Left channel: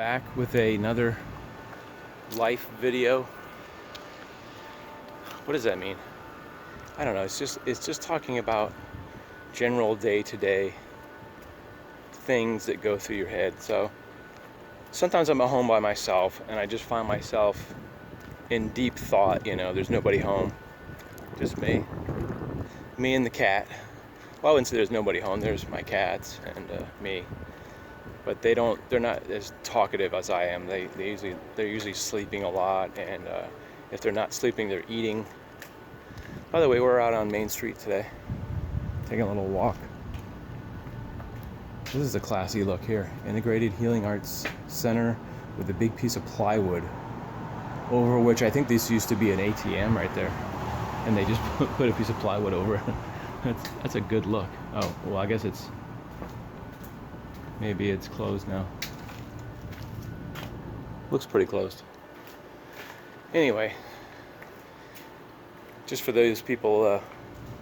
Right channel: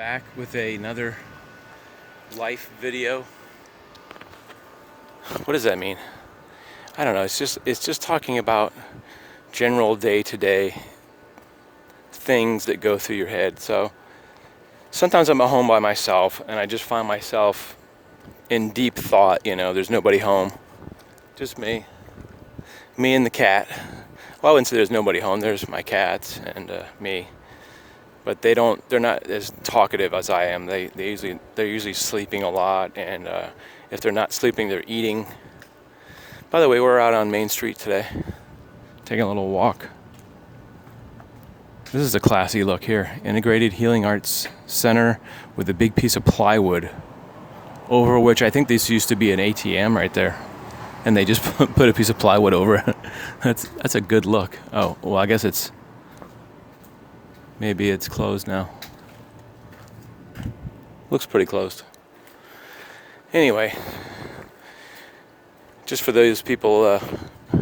Back with another life video. What does that mean? I don't know. It's just talking about general day-to-day things that go through your head. So sometimes I'm at home by myself and I just find myself in deep thought. There's nobody home, just me and the cat. Well, I wouldn't say there's nobody home. There's my cats and me. But they're not as talkative as I am. They're usually sleeping a lot, and if they're not sleeping, they're eating. By the way, we're out on Main Street today, taking a little walk. This is a classy look here. Integrated Healing Arts Center with a big piece of plywood, over which I think this used to be an ATM right there. And they just put a piece of plywood over it. That's a good look. Oh, well, I guess maybe it's closed now. Looks pretty closed. Anyway, just for those people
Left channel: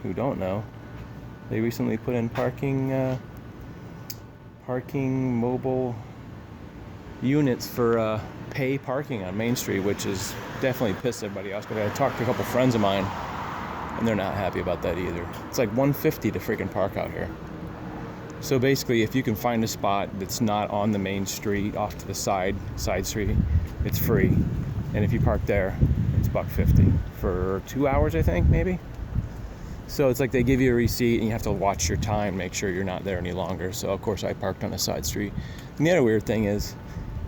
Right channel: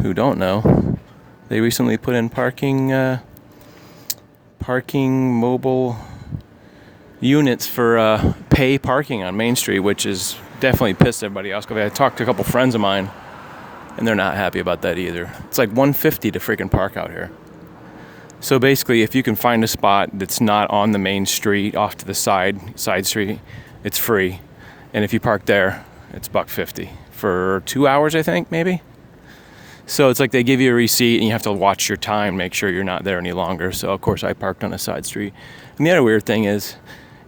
who don't know, they recently put in parking mobile units for pay parking on Main Street, which is definitely pissed everybody else. I talked to a couple friends of mine, and they're not happy about that either. It's like $150 to freaking park out here. So basically, if you can find a spot that's not on the main street, off to the side street, it's free. And if you park there, it's $150 for 2 hours, I think, maybe. So it's like they give you a receipt and you have to watch your time, make sure you're not there any longer. So of course I parked on a side street. And the other weird thing is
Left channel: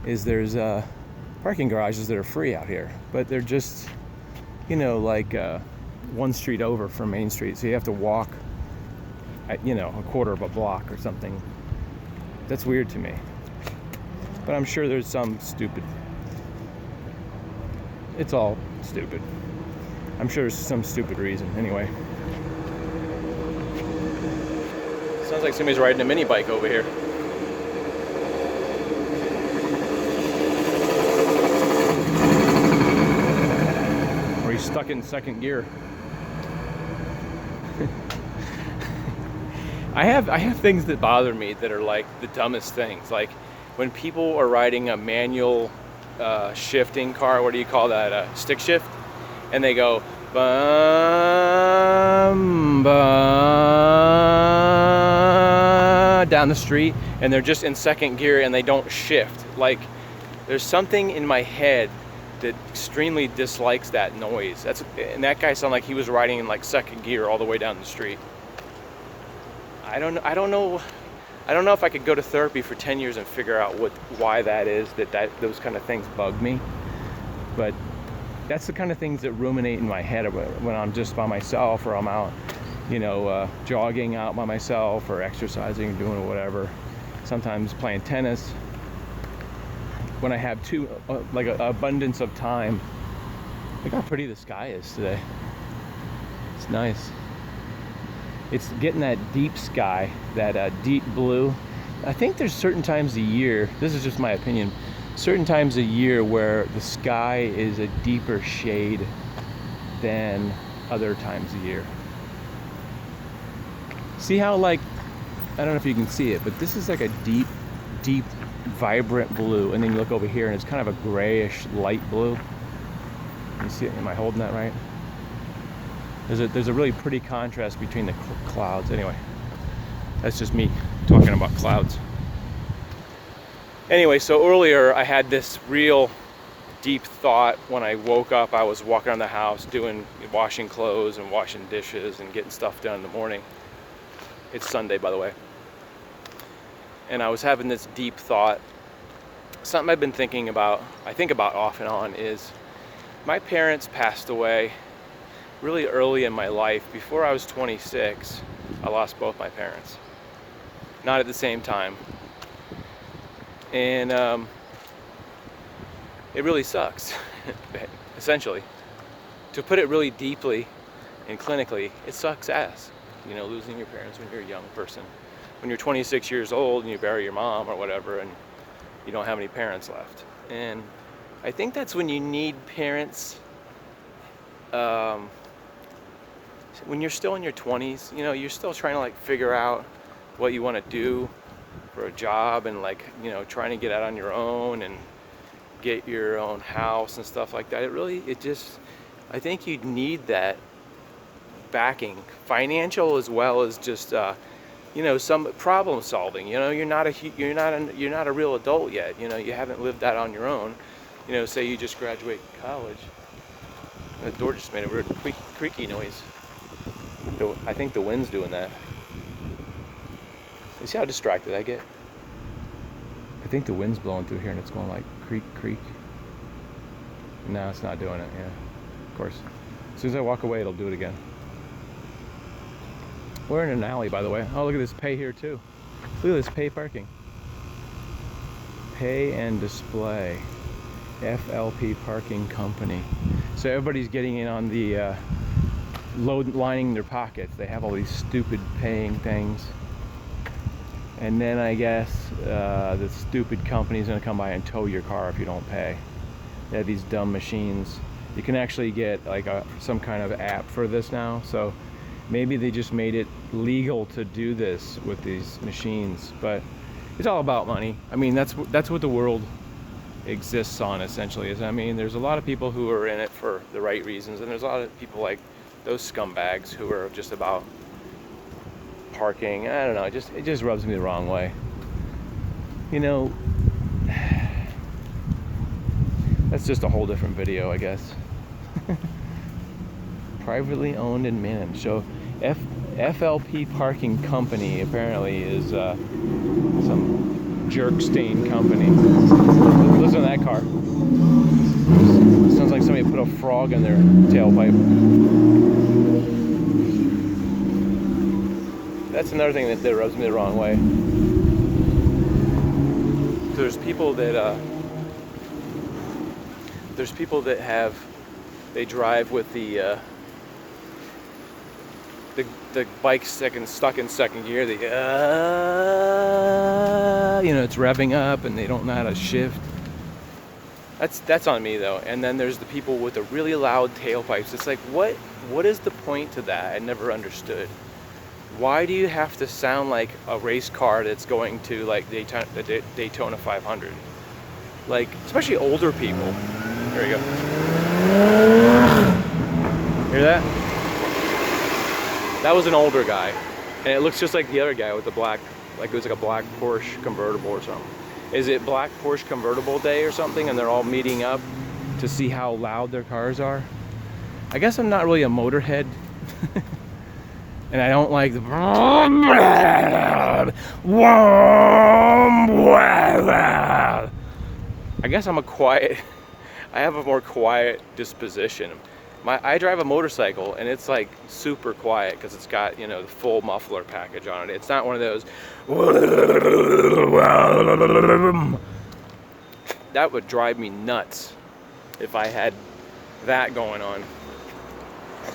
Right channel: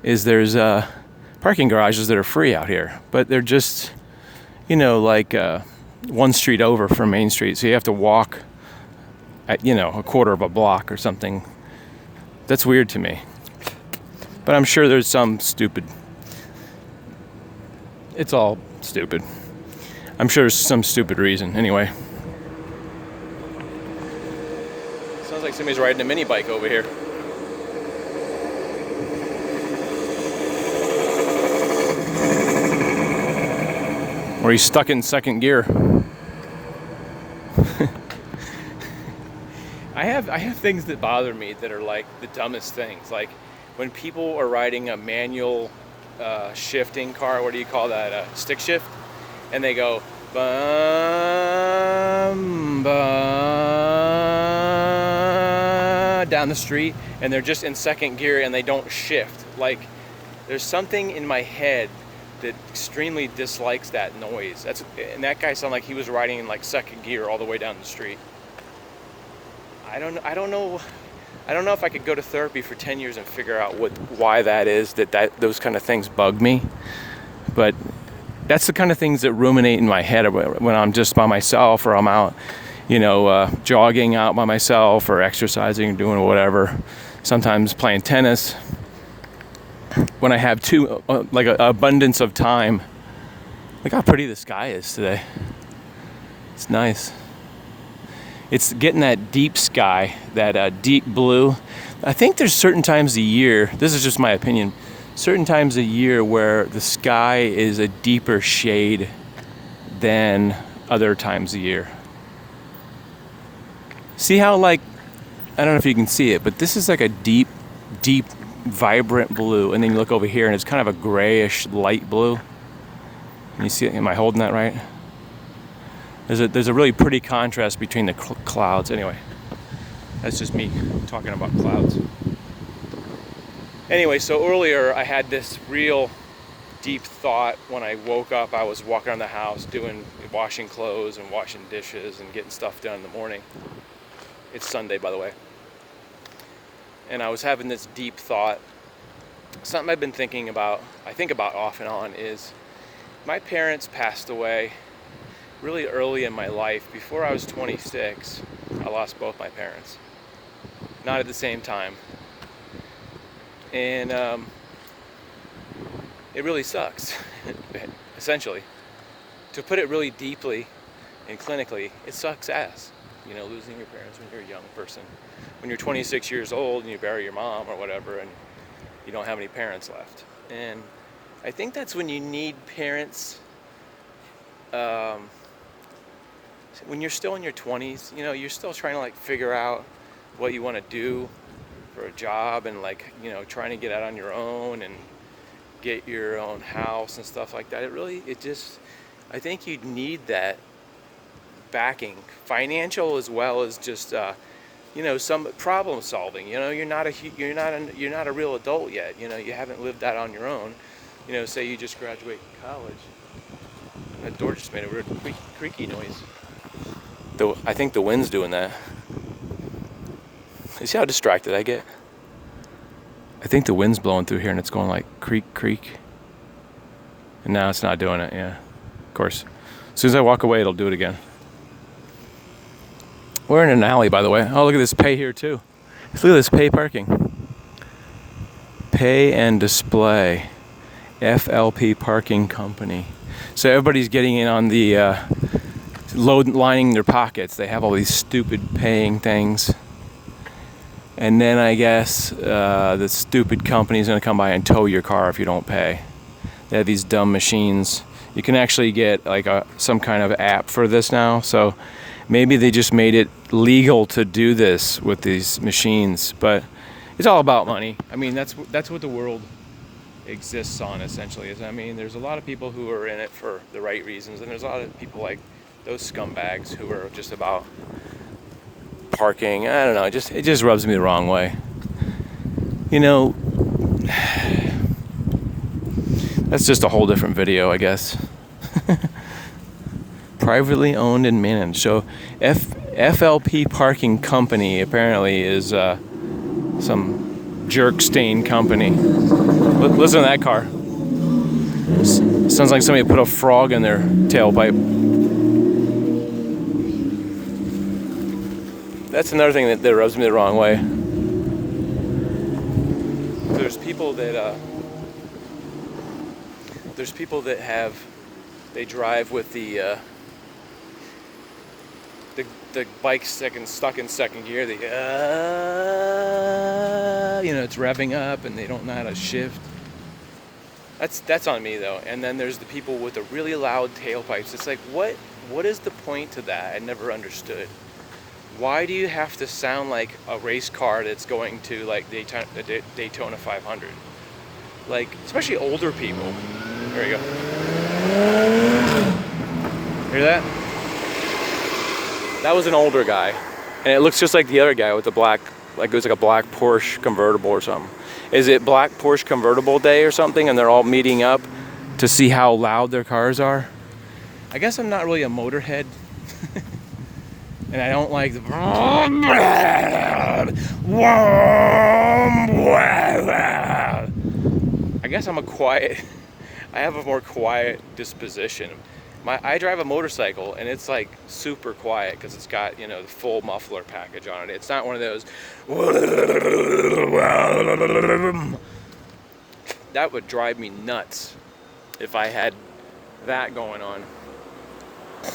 there's parking garages that are free out here, but they're just, like one street over from Main Street. So you have to walk at, a quarter of a block or something. That's weird to me. But I'm sure there's some stupid. It's all stupid. I'm sure there's some stupid reason. Anyway. Sounds like somebody's riding a mini bike over here. Or he's stuck in second gear. I have things that bother me that are like the dumbest things. Like when people are riding a manual shifting car, what do you call that? Stick shift, and they go bum, bum, down the street, and they're just in second gear and they don't shift. Like there's something in my head that extremely dislikes that noise. And that guy sounded like he was riding in like second gear all the way down the street. I don't know if I could go to therapy for 10 years and figure out why that is, that those kind of things bug me. But that's the kind of things that ruminate in my head when I'm just by myself, or I'm out, jogging out by myself, or exercising, doing whatever. Sometimes playing tennis. When I have an abundance of time. Look how pretty the sky is today. It's nice. It's getting that deep sky, that deep blue. I think there's certain times a year, this is just my opinion, certain times a year where the sky is a deeper shade than other times a year. See how I don't know if you can see it, but this is like a deep, deep, vibrant blue. And then you look over here and it's kind of a grayish light blue. You see it? Am I holding that right? There's a really pretty contrast between the clouds. Anyway, that's just me talking about clouds. Anyway, so earlier I had this real deep thought when I woke up. I was walking around the house washing clothes and washing dishes and getting stuff done in the morning. It's Sunday, by the way. And I was having this deep thought. Something I've been thinking about, I think about off and on, is my parents passed away really early in my life. Before I was 26, I lost both my parents. Not at the same time. And it really sucks, essentially. To put it really deeply and clinically, it sucks ass, losing your parents when you're a young person. When you're 26 years old and you bury your mom or whatever and you don't have any parents left. And I think that's when you need parents. When you're still in your 20s, you're still trying to figure out what you want to do, for a job and like, you know, trying to get out on your own and get your own house and stuff like that. I think you need that backing, financial as well as just you know, some problem solving. You know, you're not a real adult yet. You know, you haven't lived that on your own. You know, say you just graduate college. That door just made a weird creaky noise. I think the wind's doing that. You see how distracted I get? I think the wind's blowing through here and it's going like creak, creak. And now it's not doing it, yeah. Of course. As soon as I walk away, it'll do it again. We're in an alley, by the way. Oh, look at this pay here, too. Look at this pay parking. Pay and display. FLP Parking Company. So everybody's getting in on the lining their pockets. They have all these stupid paying things. And then I guess the stupid company is going to come by and tow your car if you don't pay. They have these dumb machines. You can actually get like some kind of app for this now. So maybe they just made it legal to do this with these machines. But it's all about money. I mean, that's what the world exists on, essentially. I mean, there's a lot of people who are in it for the right reasons, and there's a lot of people like those scumbags who are just about parking. I don't know. It just rubs me the wrong way. You know, that's just a whole different video, I guess. Privately owned and managed. So FLP Parking Company apparently is some jerk stain company. Listen to that car. Sounds like somebody put a frog in their tailpipe. That's another thing that rubs me the wrong way. There's people that they drive with the bike stuck in second gear. You know, it's revving up and they don't know how to shift. That's on me though. And then there's the people with the really loud tailpipes. It's like, what is the point to that? I never understood. Why do you have to sound like a race car that's going to like Daytona 500? Like, especially older people. There you go. Hear that? That was an older guy. And it looks just like the other guy with the black, like it was like a black Porsche convertible or something. Is it Black Porsche Convertible Day or something and they're all meeting up to see how loud their cars are? I guess I'm not really a motorhead. And I don't like the... I guess I'm a quiet... I have a more quiet disposition. I drive a motorcycle and it's like super quiet because it's got, you know, the full muffler package on it. It's not one of those. That would drive me nuts if I had that going on. I'm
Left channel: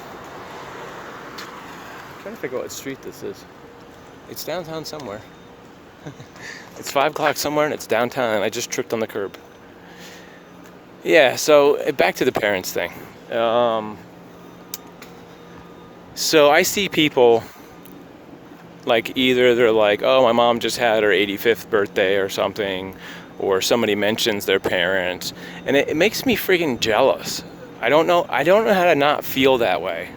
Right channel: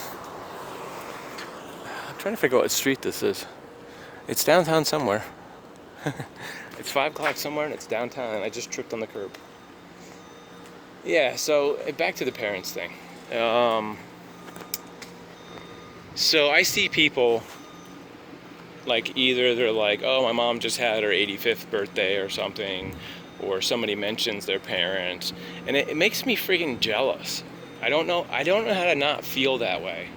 trying to figure out what street this is. It's downtown somewhere. It's 5 o'clock somewhere and it's downtown and I just tripped on the curb. Yeah, so back to the parents thing. So I see people like either they're like, oh, my mom just had her 85th birthday or something, or somebody mentions their parents, and it makes me freaking jealous. I don't know how to not feel that way.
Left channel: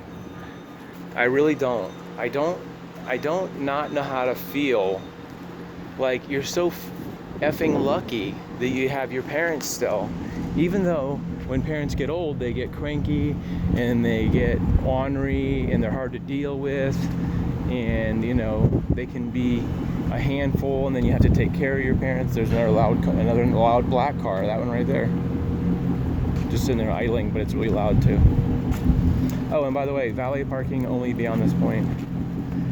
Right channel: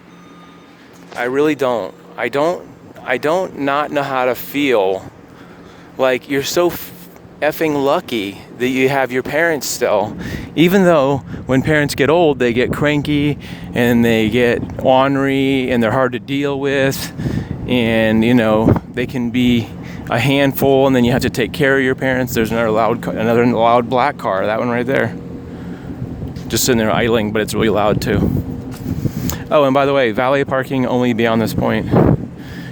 I really don't. I don't not know how to feel like you're so effing lucky that you have your parents still, even though when parents get old they get cranky and they get ornery and they're hard to deal with, and you know they can be a handful, and then you have to take care of your parents. There's another loud black car, that one right there, just sitting there idling, but it's really loud too. Oh, and by the way, valet parking only beyond this point.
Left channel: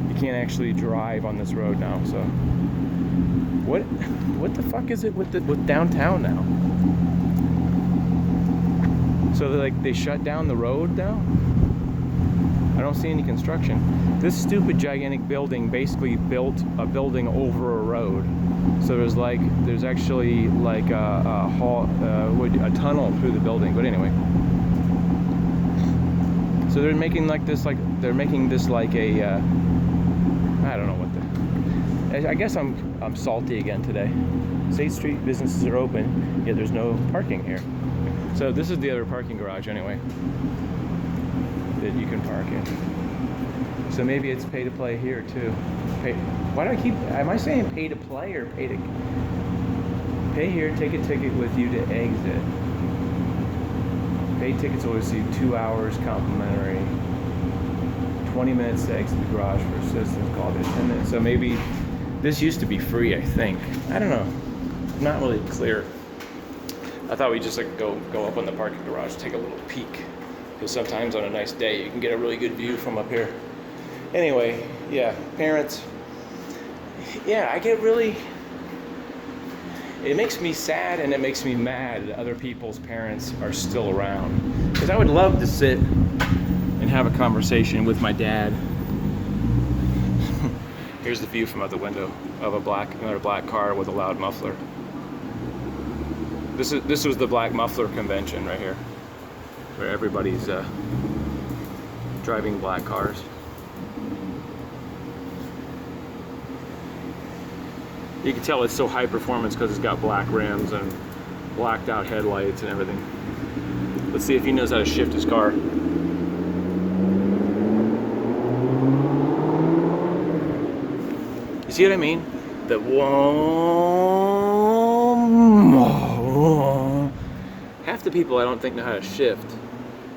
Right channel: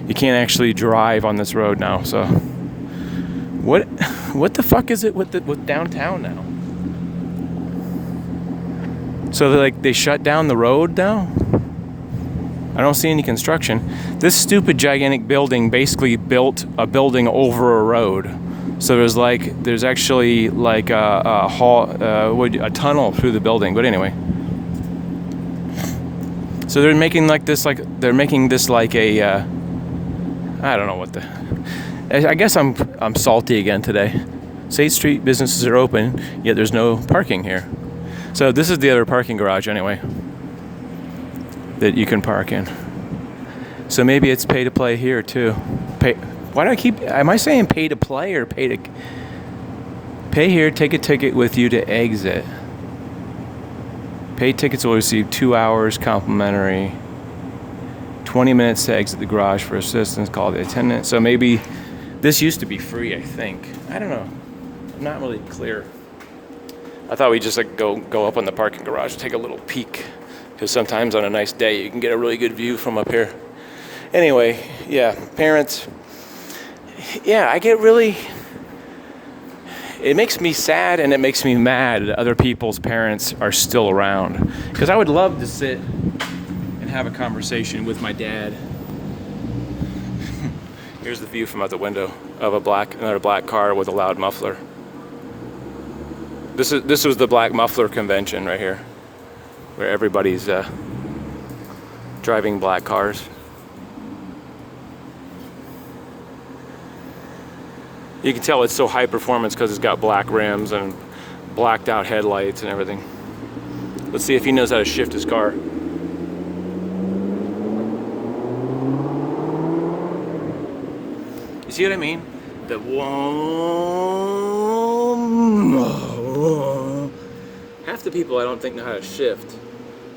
You can't actually drive on this road now, so what the fuck is it with downtown now? So they shut down the road now? I don't see any construction. This stupid gigantic building basically built a building over a road. So there's actually like a tunnel through the building. But anyway, so they're making this like a I don't know what the. I guess I'm salty again today. 8th Street businesses are open, yet there's no parking here. So this is the other parking garage anyway that you can park in. So maybe it's pay to play here too. Why do I keep? Am I saying pay to play or pay here? Take a ticket with you to exit. Paid tickets will receive 2 hours complimentary. 20 minutes to exit the garage for assistance. Call the attendant. So maybe this used to be free. I think. I don't know. I'm not really clear. I thought we'd just like go up on the parking garage, take a little peek, because sometimes on a nice day you can get a really good view from up here. Anyway, yeah, parents. Yeah, I get really. It makes me sad and it makes me mad that other people's parents are still around. Because I would love to sit and have a conversation with my dad. Here's the view from out the window of another black car with a loud muffler. This was the Black Muffler Convention right here, where everybody's driving black cars. You can tell it's so high performance because it's got black rims and blacked out headlights and everything. Let's see if he knows how to shift his car. You see what I mean? That half the people I don't think know how to shift,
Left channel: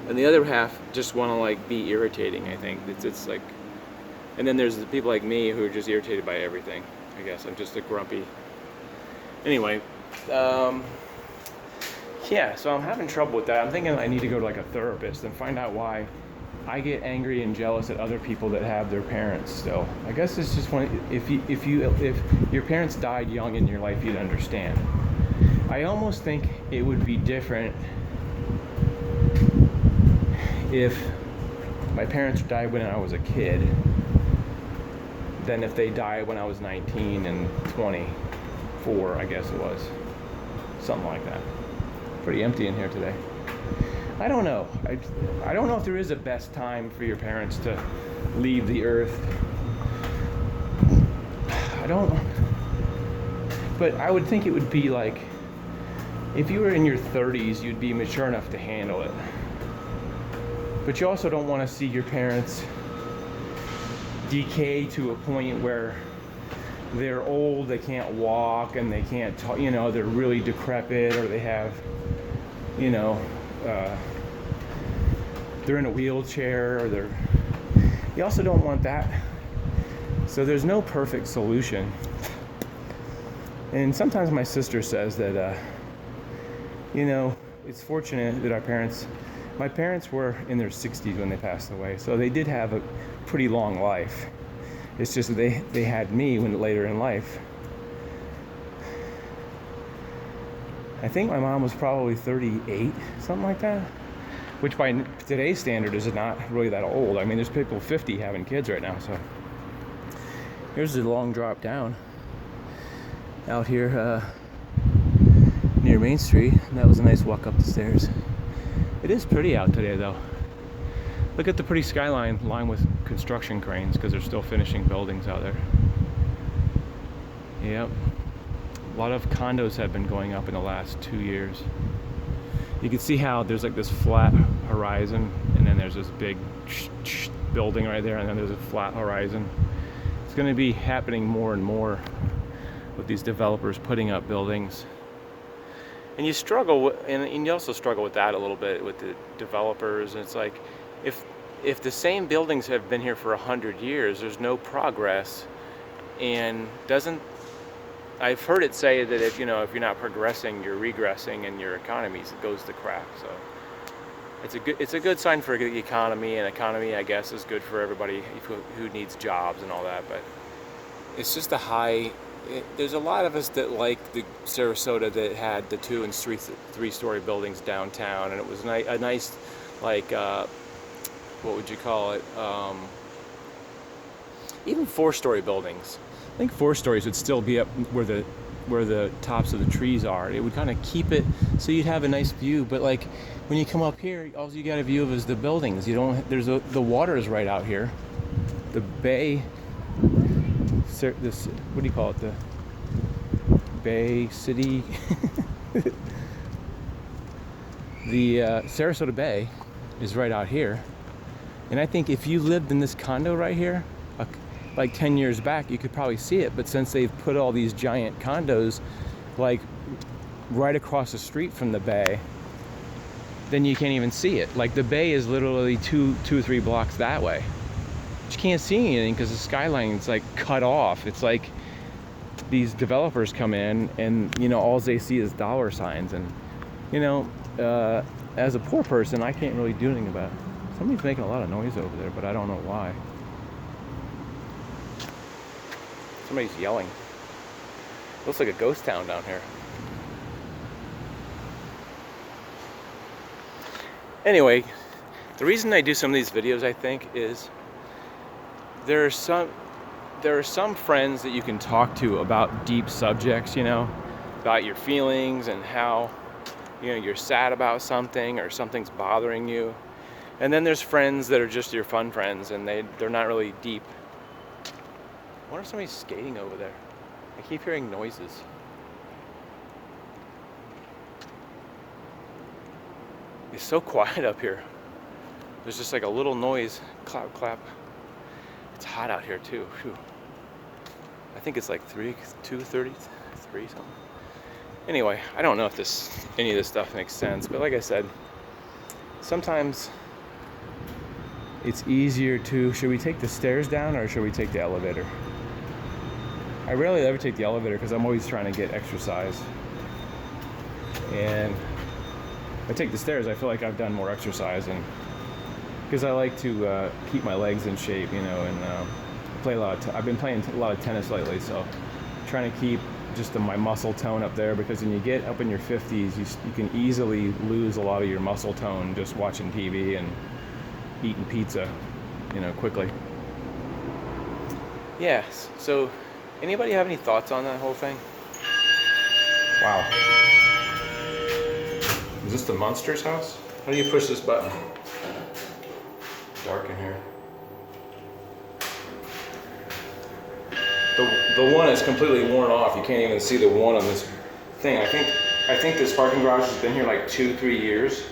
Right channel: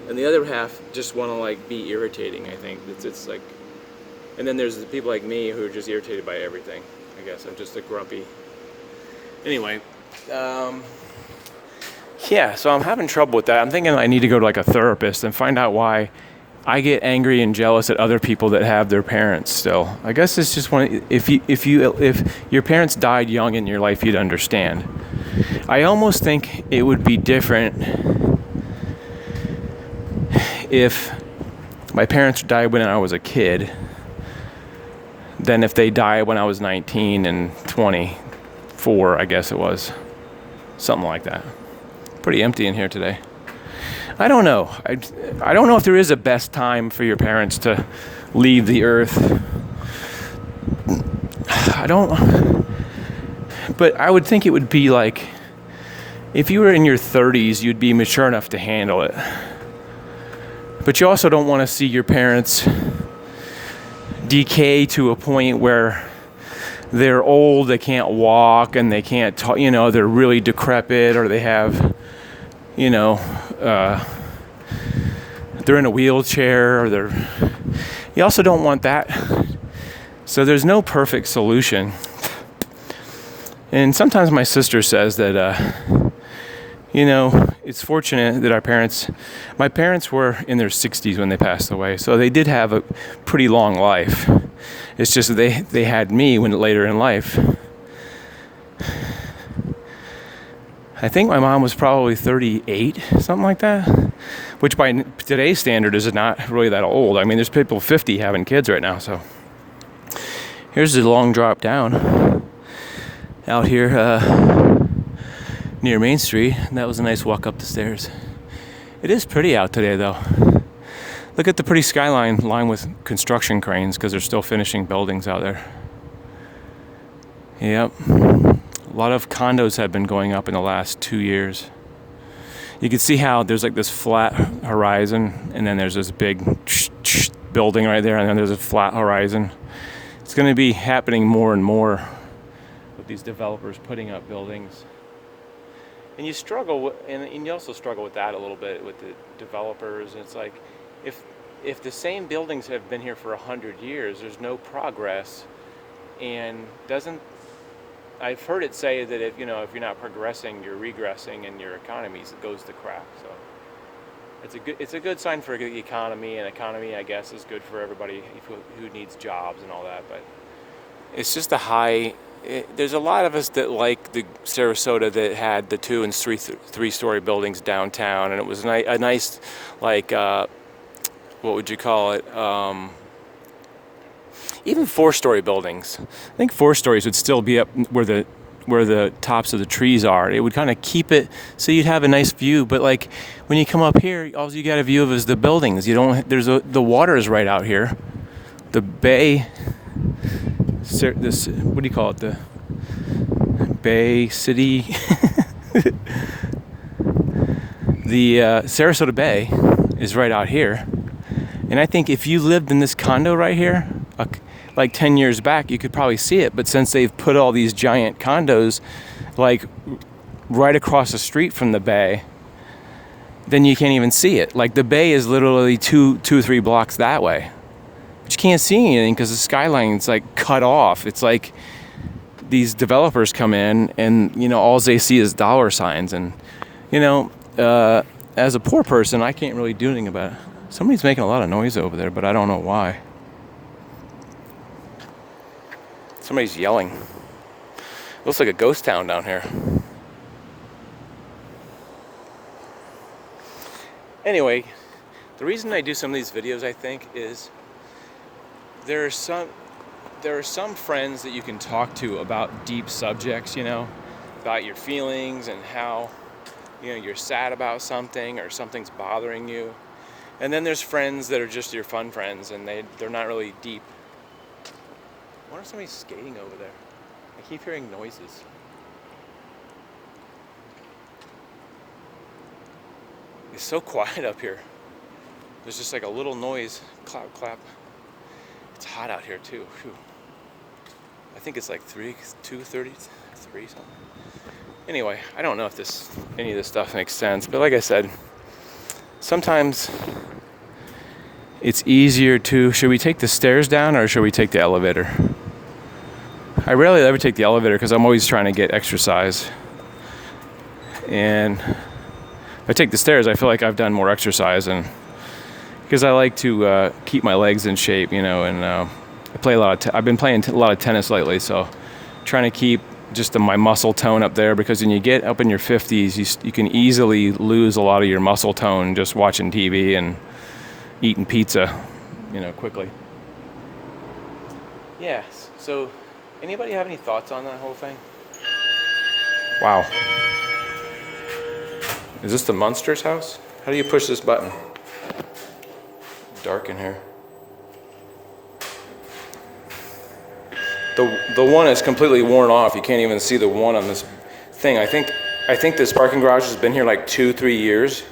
and the other half just want to like be irritating. I think it's like, and then there's the people like me who are just irritated by everything. I guess I'm just a grumpy. Anyway, yeah, so I'm having trouble with that. I'm thinking I need to go to like a therapist and find out why I get angry and jealous at other people that have their parents still. I guess it's just if your parents died young in your life, you'd understand. I almost think it would be different if my parents died when I was a kid than if they died when I was 19 and 24, I guess it was. Something like that. Pretty empty in here today. I don't know. I don't know if there is a best time for your parents to leave the earth. But I would think it would be like, if you were in your 30s, you'd be mature enough to handle it. But you also don't want to see your parents decay to a point where they're old, they can't walk, and they can't talk, they're really decrepit, or they have, they're in a wheelchair, or you also don't want that. So there's no perfect solution. And sometimes my sister says that, it's fortunate that my parents were in their 60s when they passed away, so they did have a pretty long life. It's just that they had me later in life. I think my mom was probably 38, something like that, which by today's standard is not really that old. I mean, there's people 50 having kids right now, so. Here's the long drop down out here near Main Street. That was a nice walk up the stairs. It is pretty out today, though. Look at the pretty skyline lined with construction cranes, because they're still finishing buildings out there. Yep. A lot of condos have been going up in the last 2 years. You can see how there's like this flat horizon, and then there's this big building right there, and then there's a flat horizon. It's going to be happening more and more with these developers putting up buildings. And you struggle, and you also struggle with that a little bit with the developers. And it's like, if the same buildings have been here for 100 years, there's no progress, and I've heard it say that if you're not progressing, you're regressing, and your economy goes to crap. So it's a good sign for the economy, and economy, I guess, is good for everybody who needs jobs and all that. But it's just there's a lot of us that like the Sarasota that had the 2- and 3-story buildings downtown, and it was a nice, like, what would you call it? Even 4-story buildings. I think 4 stories would still be up where the tops of the trees are. It would kind of keep it so you'd have a nice view. But like when you come up here, all you got a view of is the buildings. The water is right out here. The bay. this, what do you call it, the Bay City, the Sarasota Bay is right out here. And I think if you lived in this condo right here, like 10 years back, you could probably see it. But since they've put all these giant condos like right across the street from the bay, then you can't even see it. Like the bay is literally two or three blocks that way. But you can't see anything because the skyline's like cut off. It's like these developers come in and, you know, all they see is dollar signs. And, you know, as a poor person, I can't really do anything about it. Somebody's making a lot of noise over there, but I don't know why. Somebody's yelling. Looks like a ghost town down here. Anyway, the reason I do some of these videos, I think, is there are some friends that you can talk to about deep subjects, you know, about your feelings and how, you know, you're sad about something or something's bothering you. And then there's friends that are just your fun friends, and they're not really deep. I wonder if somebody's skating over there. I keep hearing noises. It's so quiet up here. There's just like a little noise, clap, clap. It's hot out here too. Whew. I think it's like 2:33 something. Anyway, I don't know if any of this stuff makes sense, but like I said, sometimes it's easier to, should we take the stairs down or should we take the elevator? I rarely ever take the elevator because I'm always trying to get exercise. And if I take the stairs, I feel like I've done more exercise, and because I like to keep my legs in shape, you know, and I've been playing a lot of tennis lately, so trying to keep just my muscle tone up there, because when you get up in your 50s, you can easily lose a lot of your muscle tone just watching TV and eating pizza, you know, quickly. Yes, so anybody have any thoughts on that whole thing? Wow. Is this the Munsters house? How do you push this button? Dark in here. The one is completely worn off. You can't even see the one on this thing. I think this parking garage has been here like 2-3 years,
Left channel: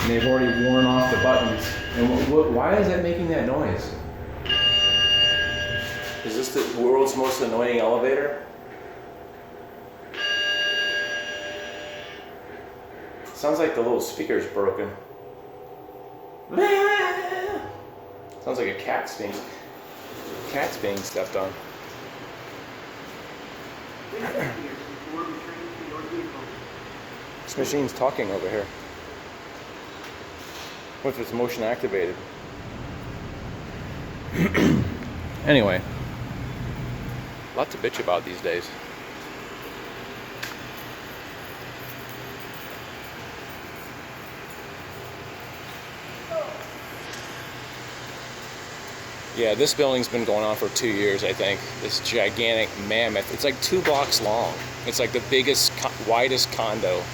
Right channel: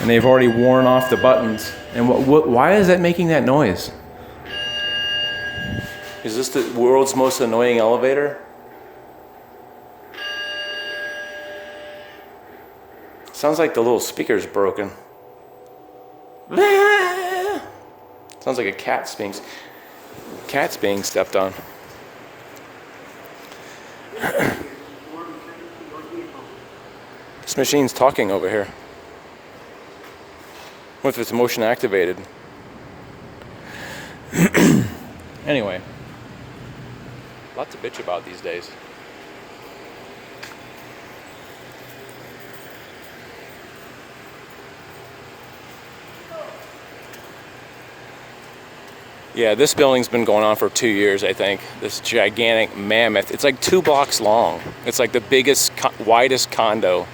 and they've already worn off the buttons. And why is that making that noise? Is this the world's most annoying elevator? Sounds like the little speaker's broken. Sounds like a cat's being stepped on. This machine's talking over here. What if it's motion activated? Anyway, a lot to bitch about these days. Yeah, this building's been going on for 2 years, I think. This gigantic mammoth. It's like 2 blocks long. It's like the biggest, widest condo.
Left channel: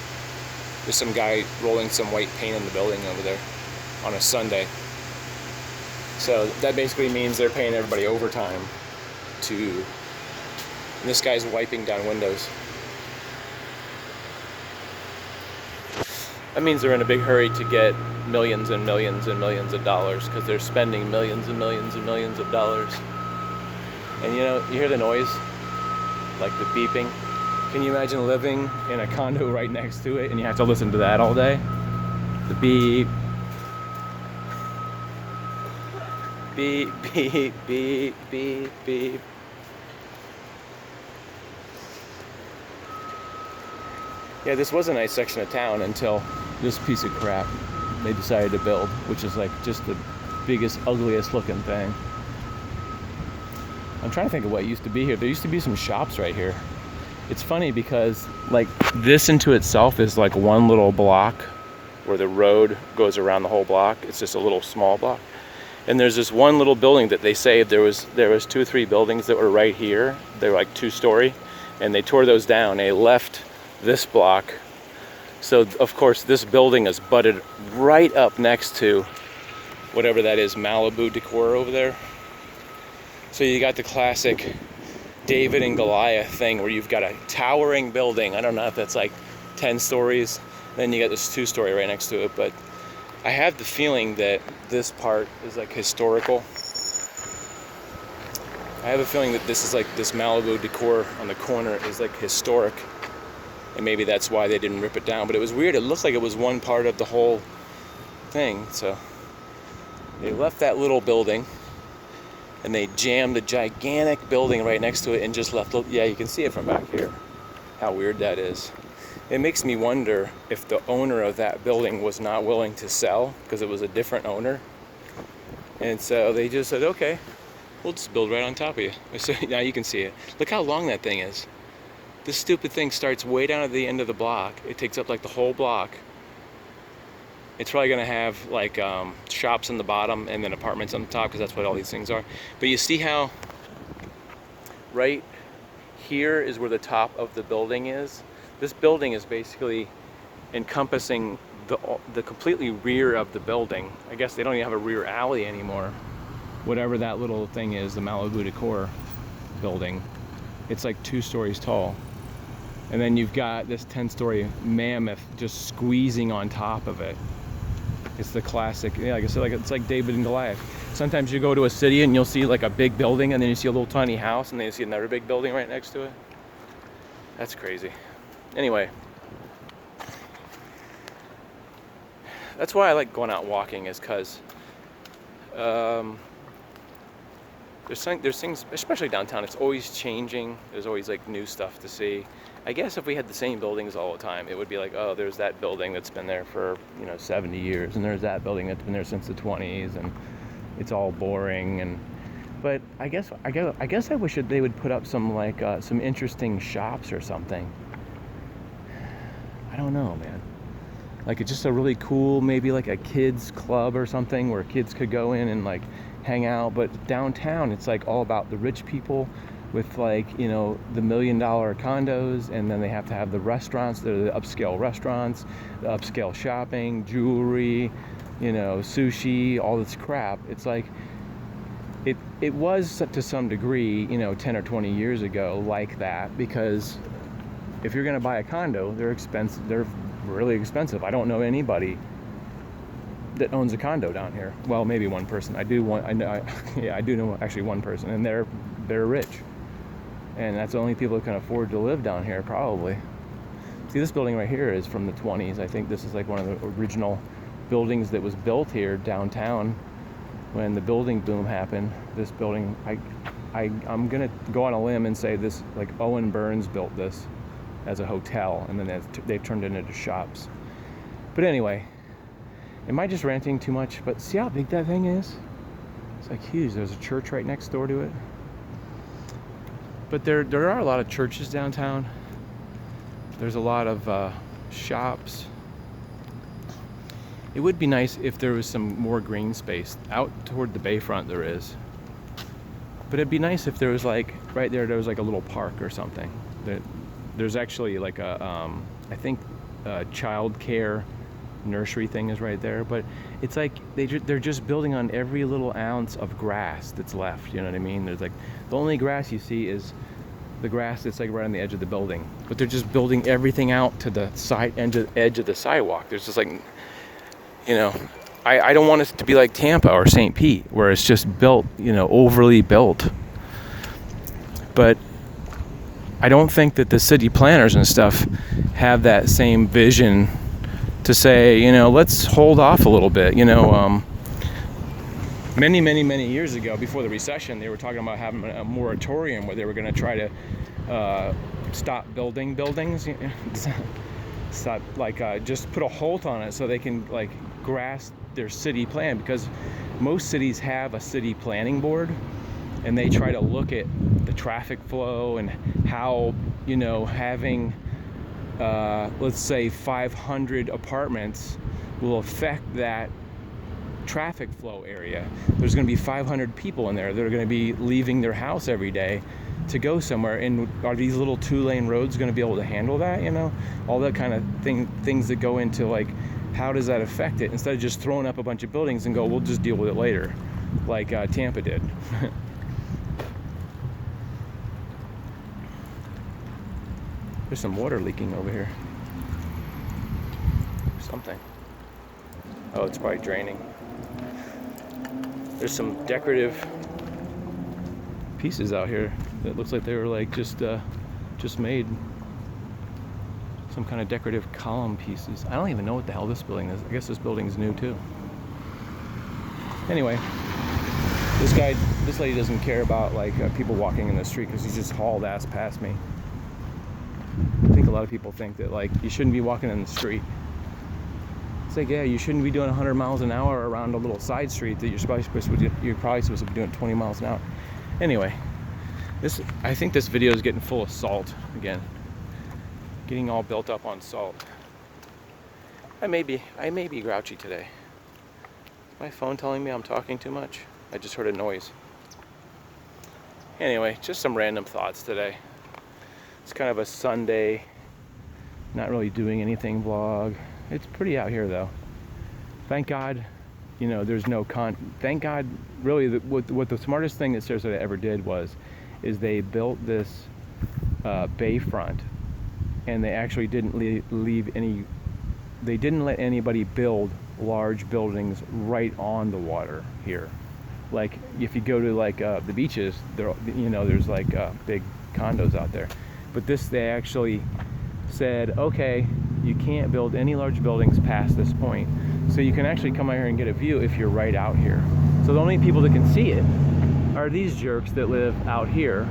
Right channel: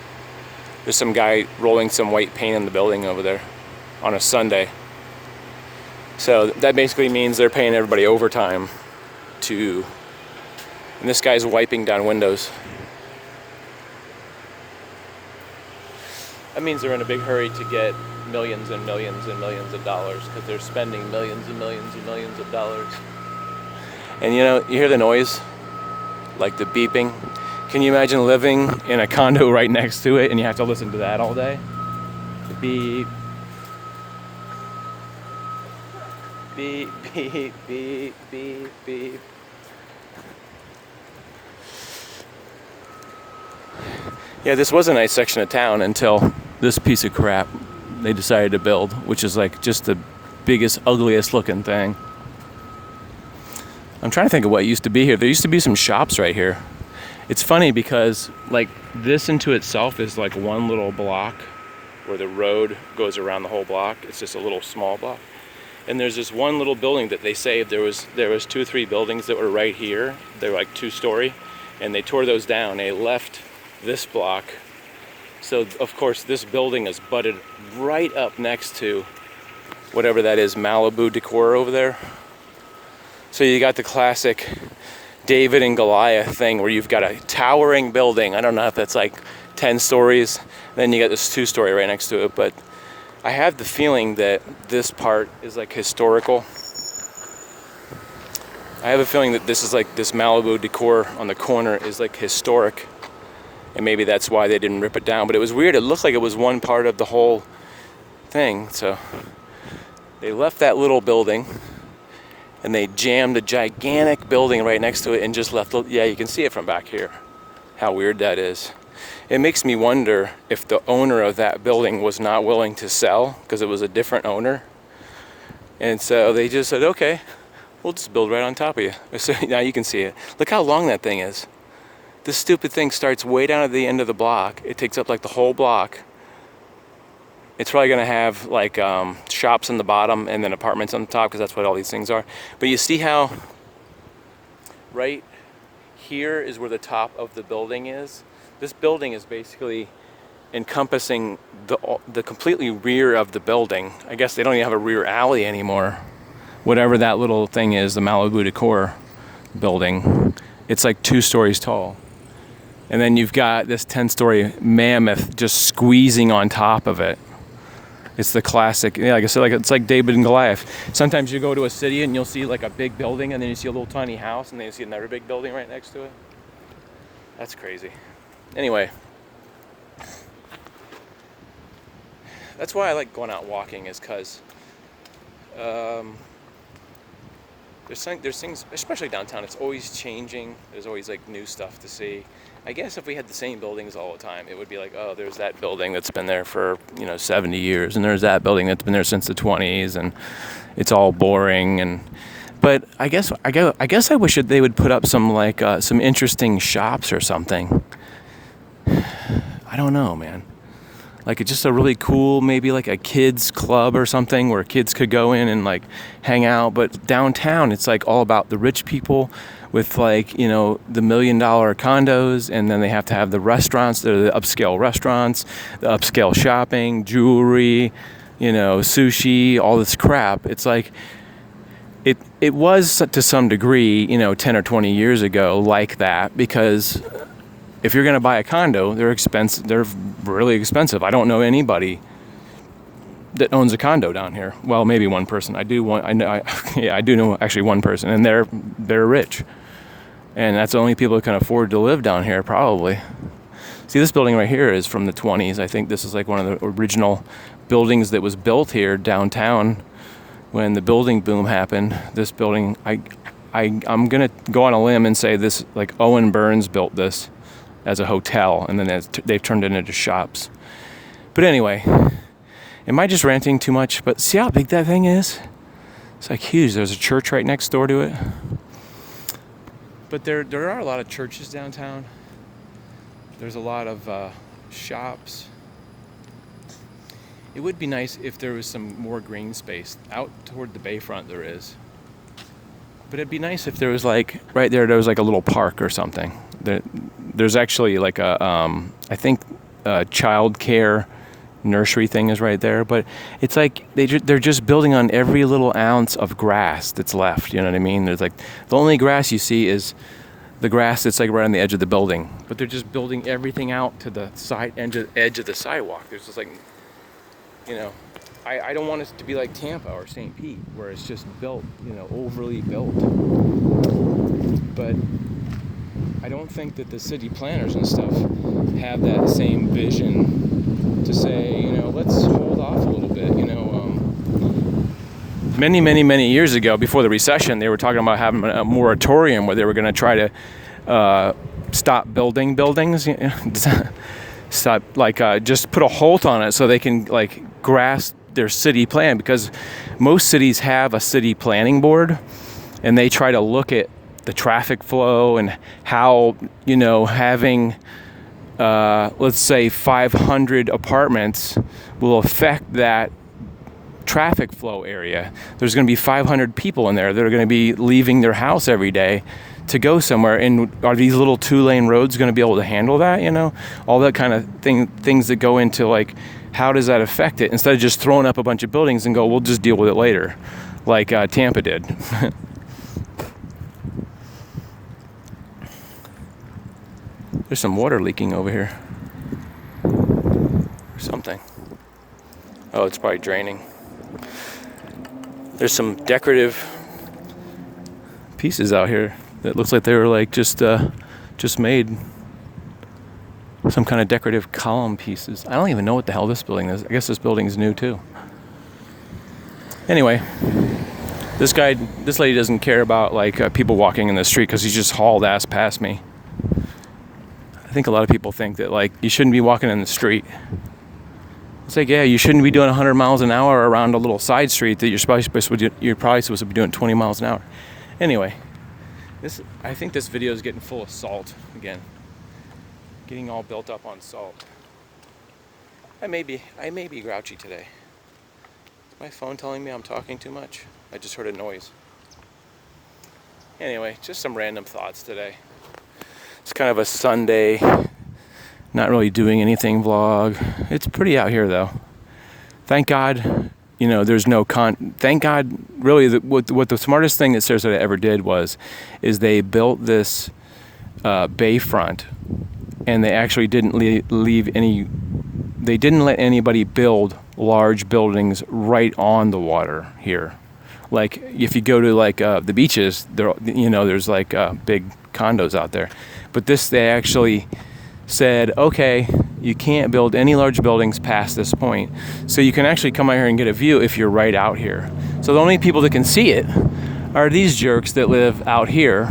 There's some guy rolling some white paint in the building over there on a Sunday. So that basically means they're paying everybody overtime and this guy's wiping down windows. That means they're in a big hurry to get millions and millions and millions of dollars, because they're spending millions and millions and millions of dollars. And you know, you hear the noise, like the beeping. Can you imagine living in a condo right next to it and you have to listen to that all day? The beep. Beep, beep, beep, beep, beep. Yeah, this was a nice section of town until this piece of crap they decided to build, which is like just the biggest, ugliest looking thing. I'm trying to think of what used to be here. There used to be some shops right here. It's funny because like this into itself is like one little block where the road goes around the whole block. It's just a little small block. And there's this one little building that they saved. There was 2 or 3 buildings that were right here. They were like 2-story, and they tore those down. They left this block. So of course this building is butted right up next to whatever that is, Malibu decor over there. So you got the classic David and Goliath thing where you've got a towering building. I don't know if that's like 10 stories. Then you got this 2-story right next to it. But I have the feeling that this part is like historical. I have a feeling that this is like this Malibu decor on the corner is like historic. And maybe that's why they didn't rip it down. But it was weird. It looked like it was one part of the whole thing. So they left that little building and they jammed a gigantic building right next to it and just left. Yeah, you can see it from back here. How weird that is. It makes me wonder if the owner of that building was not willing to sell because it was a different owner. And so they just said, okay, we'll just build right on top of you. So now you can see it. Look how long that thing is. This stupid thing starts way down at the end of the block. It takes up like the whole block. It's probably going to have like shops on the bottom and then apartments on the top because that's what all these things are. But you see how right here is where the top of the building is? This building is basically encompassing the completely rear of the building. I guess they don't even have a rear alley anymore. Whatever that little thing is, the Malibu Decor building. It's like 2 stories tall. And then you've got this 10-story mammoth just squeezing on top of it. It's the classic, yeah, like I said, like it's like David and Goliath. Sometimes you go to a city and you'll see like a big building and then you see a little tiny house and then you see another big building right next to it. That's crazy. Anyway, that's why I like going out walking, is because there's things, especially downtown, it's always changing. There's always like new stuff to see. I guess if we had the same buildings all the time, it would be like, oh, there's that building that's been there for 70 years, and there's that building that's been there since the 20s, and it's all boring. But I guess I wish that they would put up some like some interesting shops or something. I don't know, man. Like it's just a really cool, maybe like a kids club or something where kids could go in and like hang out. But downtown, it's like all about the rich people with like, the $1 million condos, and then they have to have the restaurants, the upscale restaurants, the upscale shopping, jewelry, sushi, all this crap. It's like it was to some degree, 10 or 20 years ago like that, because if you're going to buy a condo, they're expensive. They're really expensive. I don't know anybody that owns a condo down here. Well, maybe one person. I do know actually one person, and they're rich, and that's the only people who can afford to live down here probably. See, this building right here is from the 20s. I think this is like one of the original buildings that was built here downtown when the building boom happened. This building, I'm gonna go on a limb and say this, like Owen Burns built this as a hotel, and then they've turned it into shops. But anyway, am I just ranting too much? But see how big that thing is? It's like huge. There's a church right next door to it. But there are a lot of churches downtown. There's a lot of shops. It would be nice if there was some more green space. Out toward the bayfront there is. But it'd be nice if there was like, right there was like a little park or something. There's actually like I think a child care nursery thing is right there, but it's like they're just building on every little ounce of grass that's left. You know what I mean? There's like the only grass you see is the grass that's like right on the edge of the building, but they're just building everything out to the edge of the sidewalk. There's just like, I don't want it to be like Tampa or St. Pete where it's just built, overly built. But I don't think that the city planners and stuff have that same vision to say, let's hold off a little bit. Many years ago, before the recession, they were talking about having a moratorium where they were going to try to stop building buildings, stop just put a halt on it so they can like grasp their city plan, because most cities have a city planning board, and they try to look at the traffic flow and how, having, let's say 500 apartments will affect that traffic flow area. There's going to be 500 people in there that are going to be leaving their house every day to go somewhere, and are these little 2-lane roads going to be able to handle that? All that kind of things that go into like, how does that affect it, instead of just throwing up a bunch of buildings and go, we'll just deal with it later, like Tampa did. There's some water leaking over here. Something. Oh, it's probably draining. There's some decorative pieces out here that looks like they were like just made. Some kind of decorative column pieces. I don't even know what the hell this building is. I guess this building's new too. Anyway, this lady doesn't care about like people walking in the street because he's just hauled ass past me. I think a lot of people think that like you shouldn't be walking in the street. It's like, yeah, you shouldn't be doing 100 miles an hour around a little side street that you're probably supposed to be doing 20 miles an hour. Anyway, I think this video is getting full of salt again. Getting all built up on salt. I may be grouchy today. Is my phone telling me I'm talking too much? I just heard a noise. Anyway, just some random thoughts today. It's kind of a Sunday, not really doing anything vlog. It's pretty out here though. Thank God, you know, there's no thank God, really, what the smartest thing that Sarasota ever did is they built this bayfront, and they actually didn't they didn't let anybody build large buildings right on the water here. Like if you go to like the beaches, there's like big condos out there. But they actually said, okay, you can't build any large buildings past this point. So you can actually come out here and get a view if you're right out here. So the only people that can see it are these jerks that live out here,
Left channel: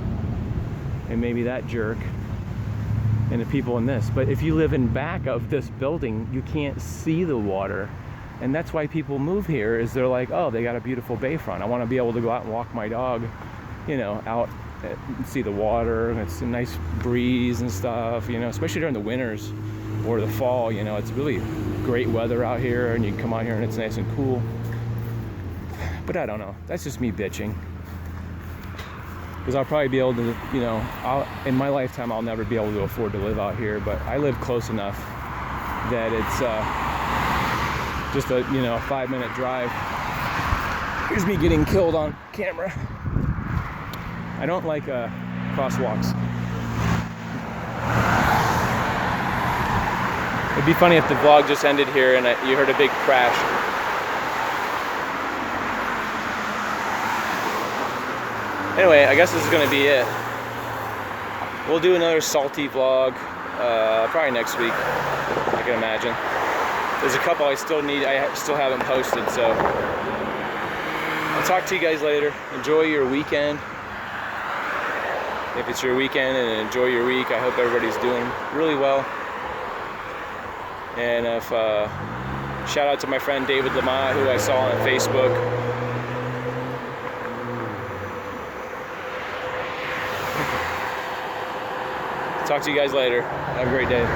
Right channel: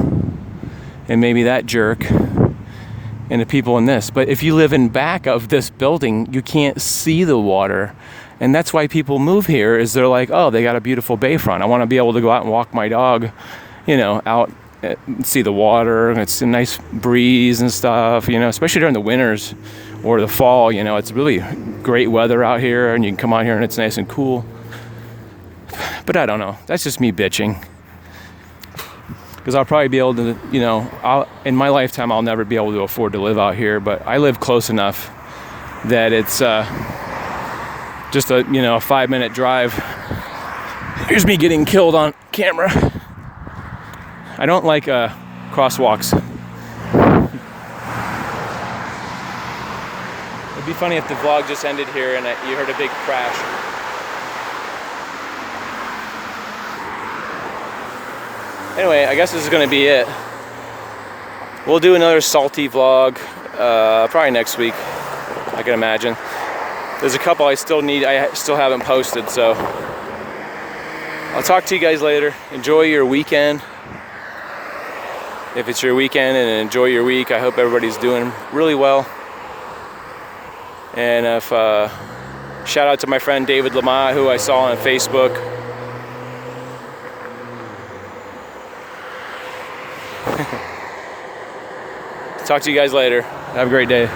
and maybe that jerk, and the people in this. But if you live in back of this building, you can't see the water. And that's why people move here, is they're like, oh, they got a beautiful bayfront. I want to be able to go out and walk my dog, out and see the water, and it's a nice breeze and stuff, especially during the winters or the fall. It's really great weather out here, and you can come out here and it's nice and cool. But I don't know, that's just me bitching, because I'll probably be able to, in my lifetime I'll never be able to afford to live out here, but I live close enough that it's just a 5-minute drive. Here's me getting killed on camera. I don't like crosswalks. It'd be funny if the vlog just ended here and you heard a big crash. Anyway, I guess this is going to be it. We'll do another salty vlog probably next week, I can imagine. There's a couple I still haven't posted, so I'll talk to you guys later. Enjoy your weekend. If it's your weekend, and enjoy your week. I hope everybody's doing really well. And shout out to my friend David Lamont, who I saw on Facebook. Talk to you guys later. Have a great day.